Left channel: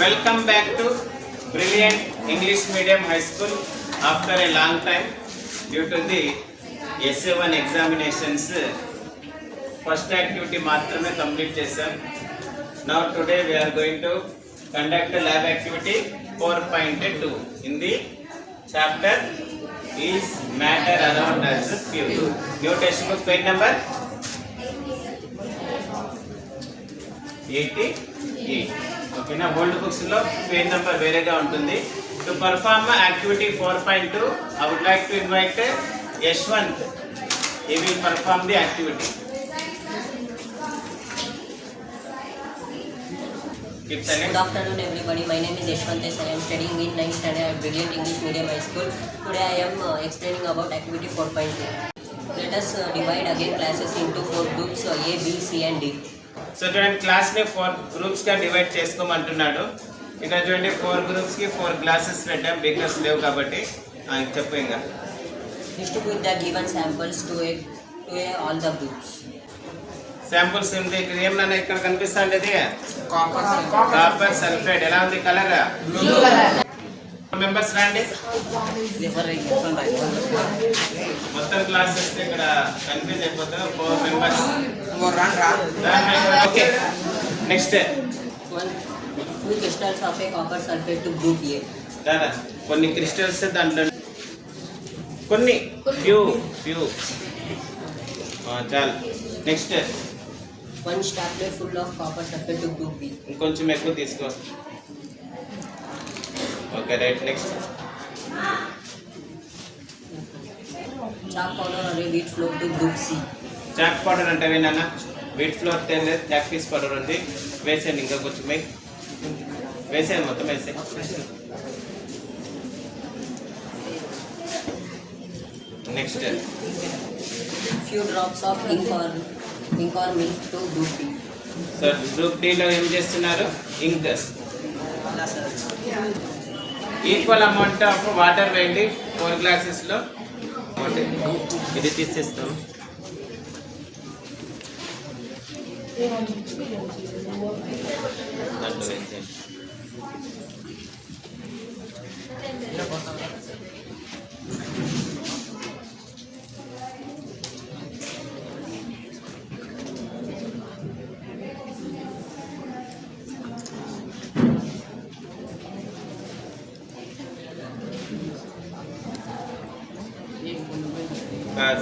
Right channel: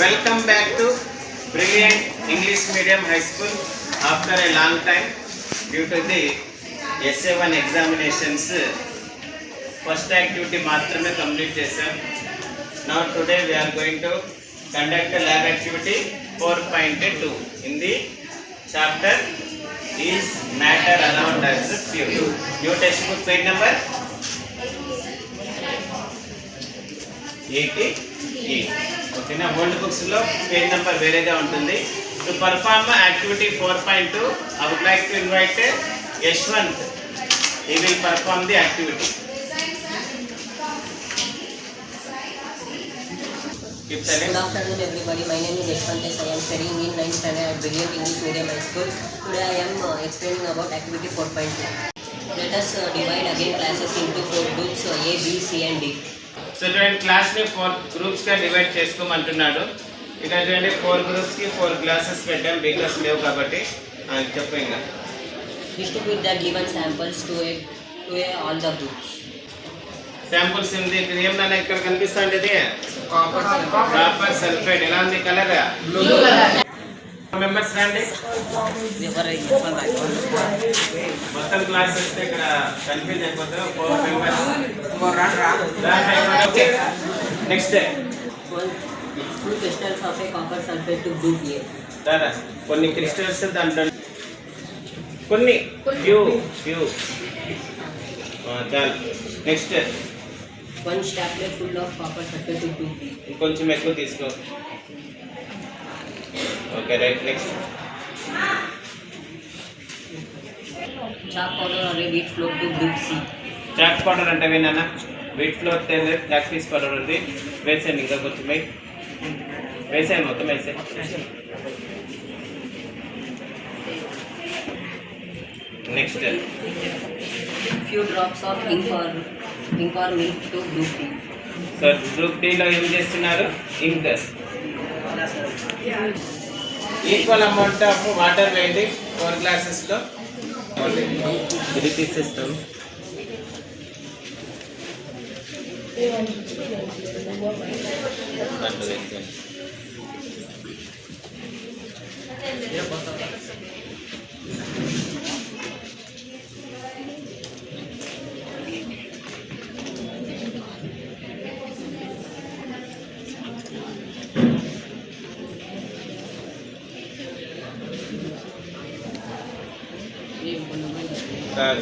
Welcome back to Brilliant English Medium High School after a long time due to the SA1 examinations. First activity మాత్రమే complete చేశాం. Now today we are going to conduct a lab activity 4.2 in the chapter is matter around us pure. New textbook page number 88. ఓకేనా, old బుక్స్లో page number వేరేగా ఉంటుంది. To perform activity 4.2 I would like to invite Yashwant. He will perform the activity. Good afternoon everybody, my name is Yashwant. I am studying in 9th standard at Brilliant English Medium High School. Today I am explaining about activity 4.2. Let us divide again classes into 4 groups A, B, C and D. So చూడండి, క్లాస్ని 4 గ్రూప్స్గా divide చేసుకోమంటున్నాడు. ఇక చూడండి 4 గ్రూప్స్కి 4 classes పెట్టాం, because లేవు కాబట్టి. చెప్పు ఇంకా. Distribute the given samples to all the groups. Samples ఏంది? ఏమన్నా ఇక్కడ కనిపిస్తా ఉండేది కాపర్ సల్ఫేట్. ఎలా ఉంది కలర్? మెంబర్స్ రండి. మొత్తం క్లాస్ వస్తే ఇక్కడ కన్ఫ్యూజ్ అయిపోతారు. 4 members. Okay, next. 2 crystals of a copper sulfate to group A. దాదా కొన్ని క్రిస్టల్స్ దాంట్లో కొన్ని ఫ్యూ చాలు. Next. 1 stapler full of copper sulfate to group B. ఇంకొంచెం ఎక్కువ తీసుకో. Okay, right. Next. Chalk powder or a wheat flour to group C. Chalk powder అంటే విన్నా, wheat flour తెలియదు, ప్రాక్టీస్ పౌడర్ ఉంది. వేసేయండి, ఇంకా కొంచెం వేసేయండి, మొత్తం వేసేయండి. Next. Few drops of ink or milk to group D. Sir group డీలో ఏం చేస్తున్నారు? Ink. Equal amount of water వేయండి 4 గ్లాసెస్లో. ఇది తీసేస్తాం.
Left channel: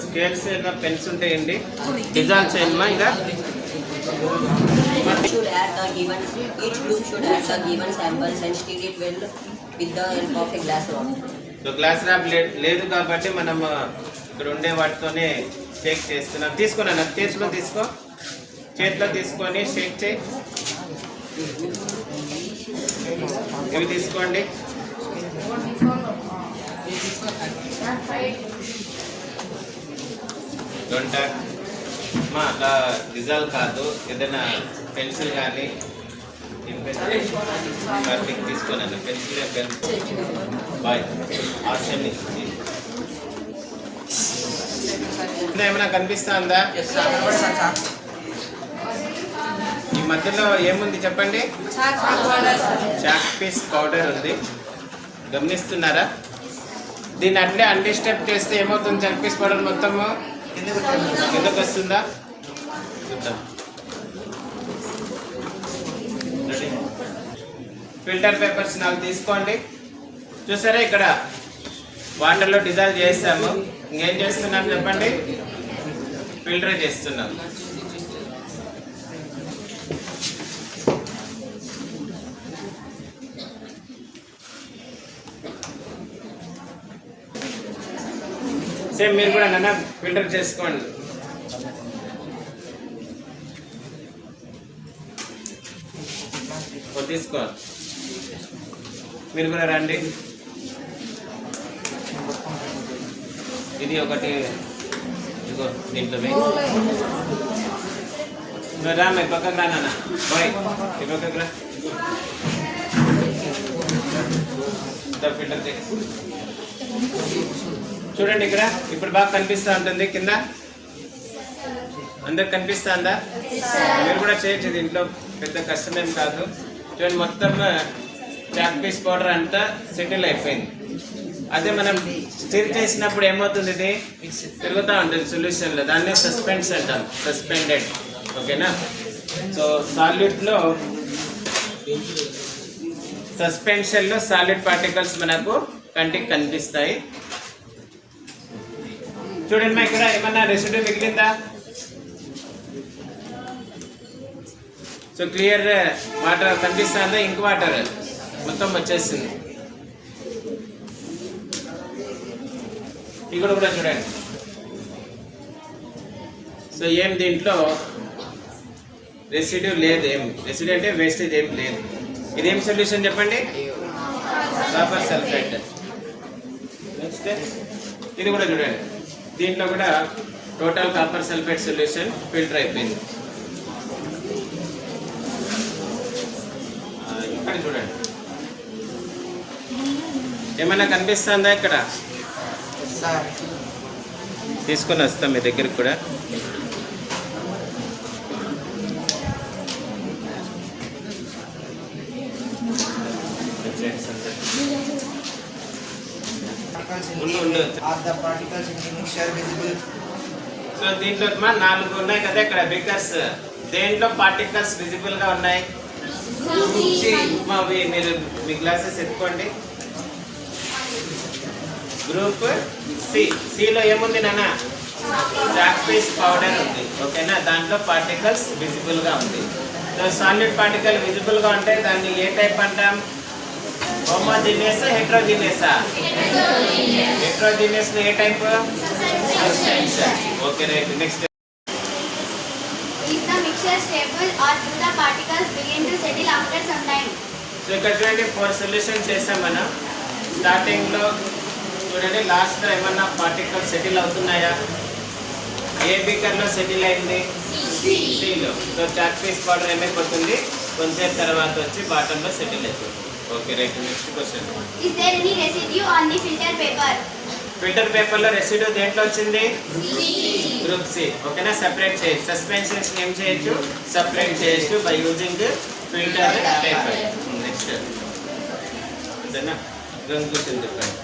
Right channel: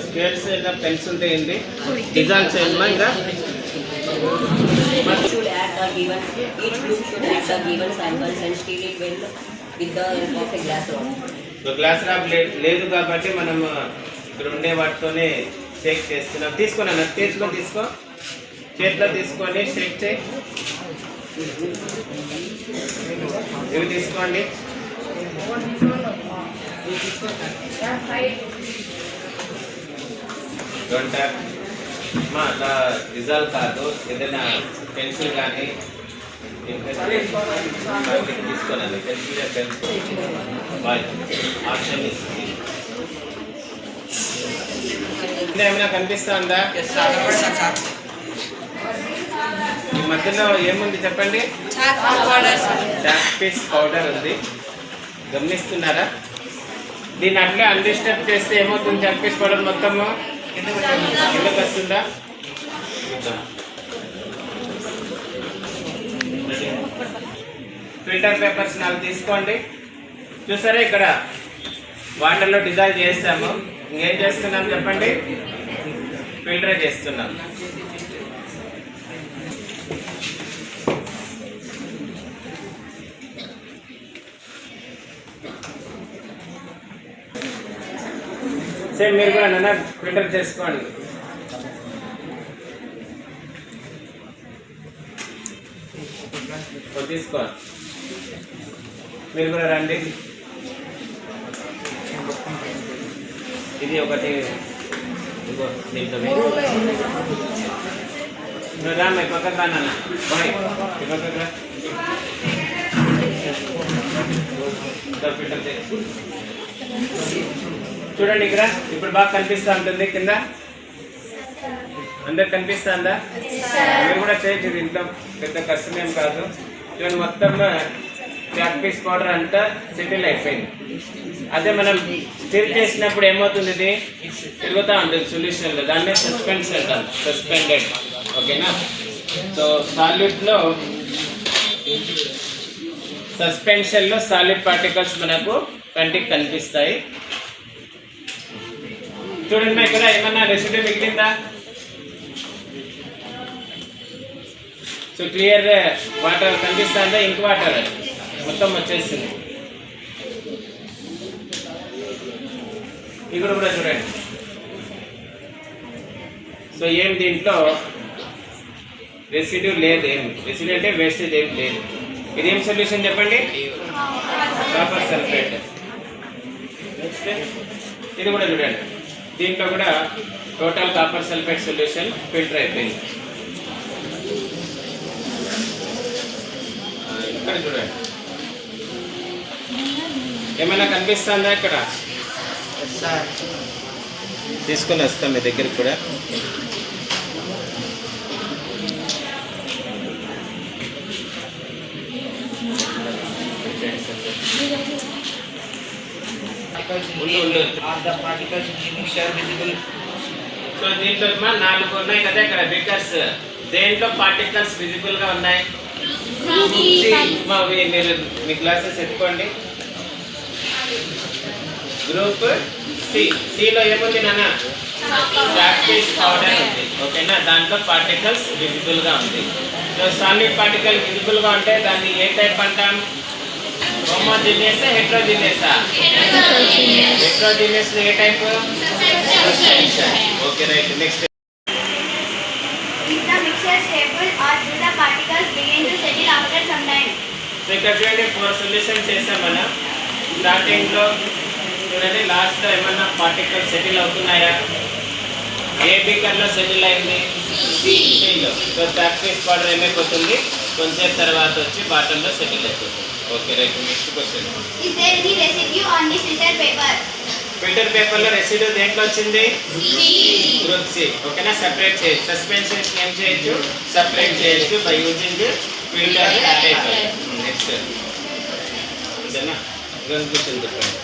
స్కేల్స్ ఇంకా పెన్స్ ఉంటాయండి, డిజైన్ చేయమ్మా. ఇంకా Each group should add the given samples and stir it well with the help of a glass rod. So glass rap లేదు కాబట్టి మనం ఇక్కడ ఉండే వాటితోనే షేక్ చేస్తున్నాం. తీసుకోనా, చేతిలో తీసుకొని షేక్ చేయి. ఇవి తీసుకోండి. గంట అట్లా డిజాల్వ్ కాదు, ఏదైనా పెన్సిల్ కానీ తీసుకోనండి. పెన్సిల్ బాయ్ ఆప్షన్ ఏమైనా కనిపిస్తుందా? ఈ మధ్యలో ఏముంది చెప్పండి? చాక్ పీస్ పౌడర్ ఉంది, గమనిస్తున్నారా? దీన్ని అట్లే అన్డిస్టర్బ్ చేస్తే ఏమవుతుంది? చాక్ పీస్ పౌడర్ మొత్తము కిందకు వస్తుందా? ఫిల్టర్ పేపర్స్ 4 తీసుకోండి. చూసారా, ఇక్కడ వాటర్లో డిజాల్వ్ చేస్తాము. ఇంకేం చేస్తున్నాం చెప్పండి? ఫిల్టర్ చేస్తున్నాం. సేమ్ మీరు కూడా నన్ను ఫిల్టర్ చేసుకోండి. తీసుకోండి, మీరు కూడా రండి. ఇది ఒకటి ఇదిగో దీంట్లో రామ్మ పక్కకు రా నాన్న. బాయ్ పక్కకు రా. ఫిల్టర్ చూడండి, ఇక్కడ ఇప్పుడు బాగా కనిపిస్తూ ఉంటుంది కింద. అందరికి కనిపిస్తుందా? మీరు కూడా చేయొచ్చు, దీంట్లో పెద్ద కష్టమేం కాదు. చూడండి మొత్తం చాక్ పీస్ పౌడర్ అంతా సెటిల్ అయిపోయింది. అదే మనం స్టిర్ చేసినప్పుడు ఏమవుతుంది, ఇది తిరుగుతూ ఉంటుంది సొల్యూషన్లో, దాన్నే సస్పెండ్స్ అంటాం, సస్పెండెడ్. ఓకేనా. సో సాల్యూట్లో సస్పెన్షన్లో సాలిడ్ పార్టికల్స్ మనకు కంటికి కనిపిస్తాయి. చూడండి మా ఇక్కడ ఏమన్నా రెసిడ్యూ మిగిలిందా? సో క్లియర్ వాటర్ కనిపిస్తుందా? ఇంక్ వాటర్ మొత్తం వచ్చేసింది. ఇక్కడ కూడా చూడండి. సో ఏం దీంట్లో రెసిడ్యూ లేదు, ఏం రెసిడ్యూ అంటే వేస్టేజ్ ఏం లేదు. ఇదేం సొల్యూషన్ చెప్పండి? Copper sulphate. నెక్స్ట్ ఇది కూడా చూడండి, దీంట్లో కూడా total copper sulphate solution filter అయిపోయింది. ఇక్కడ చూడండి, ఏమైనా కనిపిస్తుందా? ఇక్కడ తీసుకొని వస్తాం మీ దగ్గరికి కూడా. సో దీంట్లో 4 ఉన్నాయి కదా ఇక్కడ బీకర్స్. దేంట్లో పార్టికల్స్ విజిబుల్ గా ఉన్నాయి? మీరు మీ గ్లాసెస్ ఎత్తుకోండి. Group C. సిలో ఏముంది నాన్న? చాక్ పీస్ పౌడర్ ఉంది. ఓకేనా. దాంట్లో పార్టికల్స్ విజిబుల్ గా ఉంది. సో సాలిడ్ పార్టికల్ విజిబుల్ గా ఉంటే దాన్ని ఏ టైప్ అంటాం? హోమోజీనియస్, హెట్రోజీనియసా? హెట్రోజీనియస్ ఏ type? Okay right. Next Is the mixture stable or do the particles begin to settle after some time? So ఇక్కడ చూడండి 4 సొల్యూషన్ చేసాం మనం. స్టార్టింగ్ లో చూడండి, లాస్ట్ లో ఏమన్నా పార్టికల్స్ సెటిల్ అవుతున్నాయా? ఏ బీకర్ లో సెటిల్ అయింది? సిలో. సో చాక్ పీస్ పౌడర్ ఏమైపోతుంది? కొంచెం తర్వాత వచ్చి బాటమ్ లో సెటిల్ అయిపోతుంది. Okay right. Next question. Is there any residue on the filter paper? Filter paper లో రెసిడ్యూ దేంట్లో వచ్చింది? Group C. ఓకేనా. సెపరేట్ చేయొచ్చు. సస్పెన్షన్స్ ఏం చేయొచ్చు? సెపరేట్ చేయొచ్చు by using filter paper. Next అంతేనా? క్వశ్చన్ చెప్పండి.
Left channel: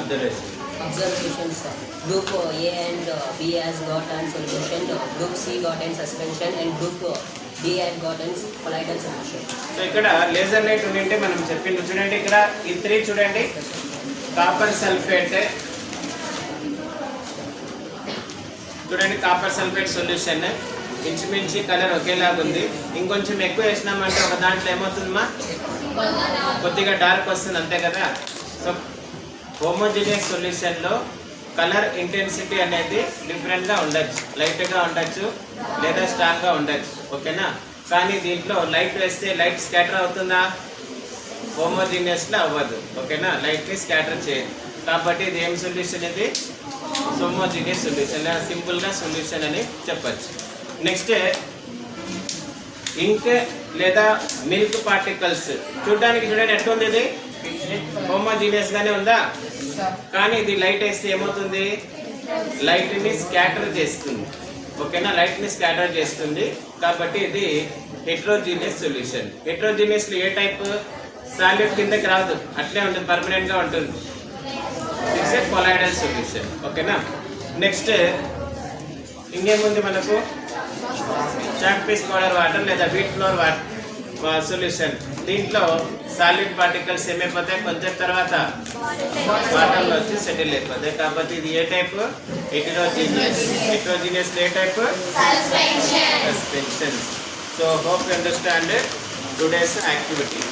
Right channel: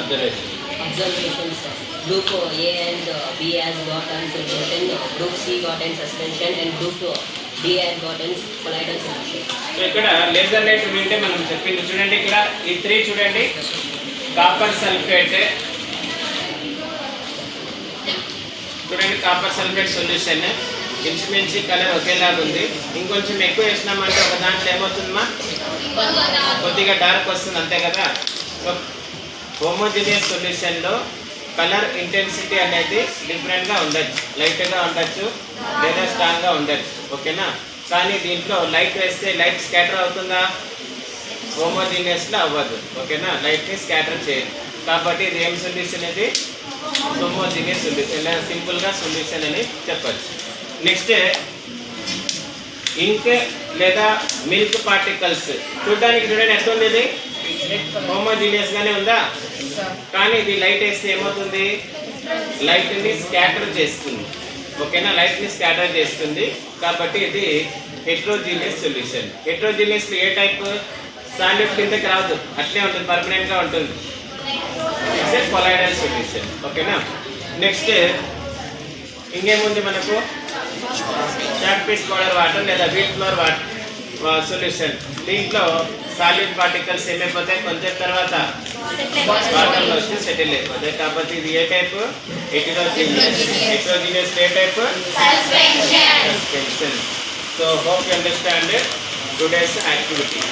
Observation. Observations. Group A and B has got an solution. Group C got an suspension and group D has got an colloidal solution. So ఇక్కడ laser light ఉంటే మనం చెప్పింది చూడండి. ఇక్కడ ఈ 3 చూడండి. కాపర్ సల్ఫేట్ చూడండి, కాపర్ సల్ఫేట్ సొల్యూషన్ ఇంచుమించి కలర్ ఒకేలాగా ఉంది. ఇంకొంచెం ఎక్కువ వేసినామంటే ఒక దాంట్లో ఏమవుతుందమ్మా? కొద్దిగా డార్క్ వస్తుంది, అంతే కదా. సో హోమోజీనియస్ సొల్యూషన్లో కలర్ ఇంటెన్సిటీ అనేది డిఫరెంట్గా ఉండొచ్చు, లైట్గా ఉండొచ్చు లేదా స్ట్రాంగ్గా ఉండొచ్చు. ఓకేనా. కానీ దీంట్లో లైట్ వేస్తే లైట్ స్కాటర్ అవుతుందా? హోమోజీనియస్లో అవ్వదు. ఓకేనా. లైట్ని స్కాటర్ చేయదు. కాబట్టి ఇది ఏం సొల్యూషన్? ఇది హోమోజీనియస్ సొల్యూషన్, లేదా సింపుల్గా సొల్యూషన్ అని చెప్పచ్చు. నెక్స్ట్ ఇంక్ లేదా మిల్క్ పార్టికల్స్ చూడడానికి చూడండి ఎట్లుంది. ఇది హోమోజీనియస్గానే ఉందా? కానీ ఇది లైట్ వేస్తే ఏమవుతుంది? లైట్ని స్కాటర్ చేస్తుంది. ఓకేనా. లైట్ని స్కాటర్ చేస్తుంది. కాబట్టి ఇది హెట్రోజీనియస్ సొల్యూషన్. హెట్రోజీనియస్లో ఏ టైప్? సాలిడ్ కిందకి రాదు, అట్లే ఉంటుంది, పర్మనెంట్గా ఉంటుంది. It's a colloidal solution. ఓకేనా. నెక్స్ట్ ఇంకేముంది మనకు? చాక్ పీస్ పౌడర్ వాటర్ లేదా వీట్ ఫ్లోర్ వాటర్ సొల్యూషన్. దీంట్లో సాలిడ్ పార్టికల్స్ ఏమైపోతాయి? కొంచెం తర్వాత వాటర్లో వచ్చి సెటిల్ అయిపోతాయి. కాబట్టి ఇది ఏ టైప్? హెటరోజీనియస్. హెటరోజీనియస్ ఏ type? Suspension. So hope you understand today's activity.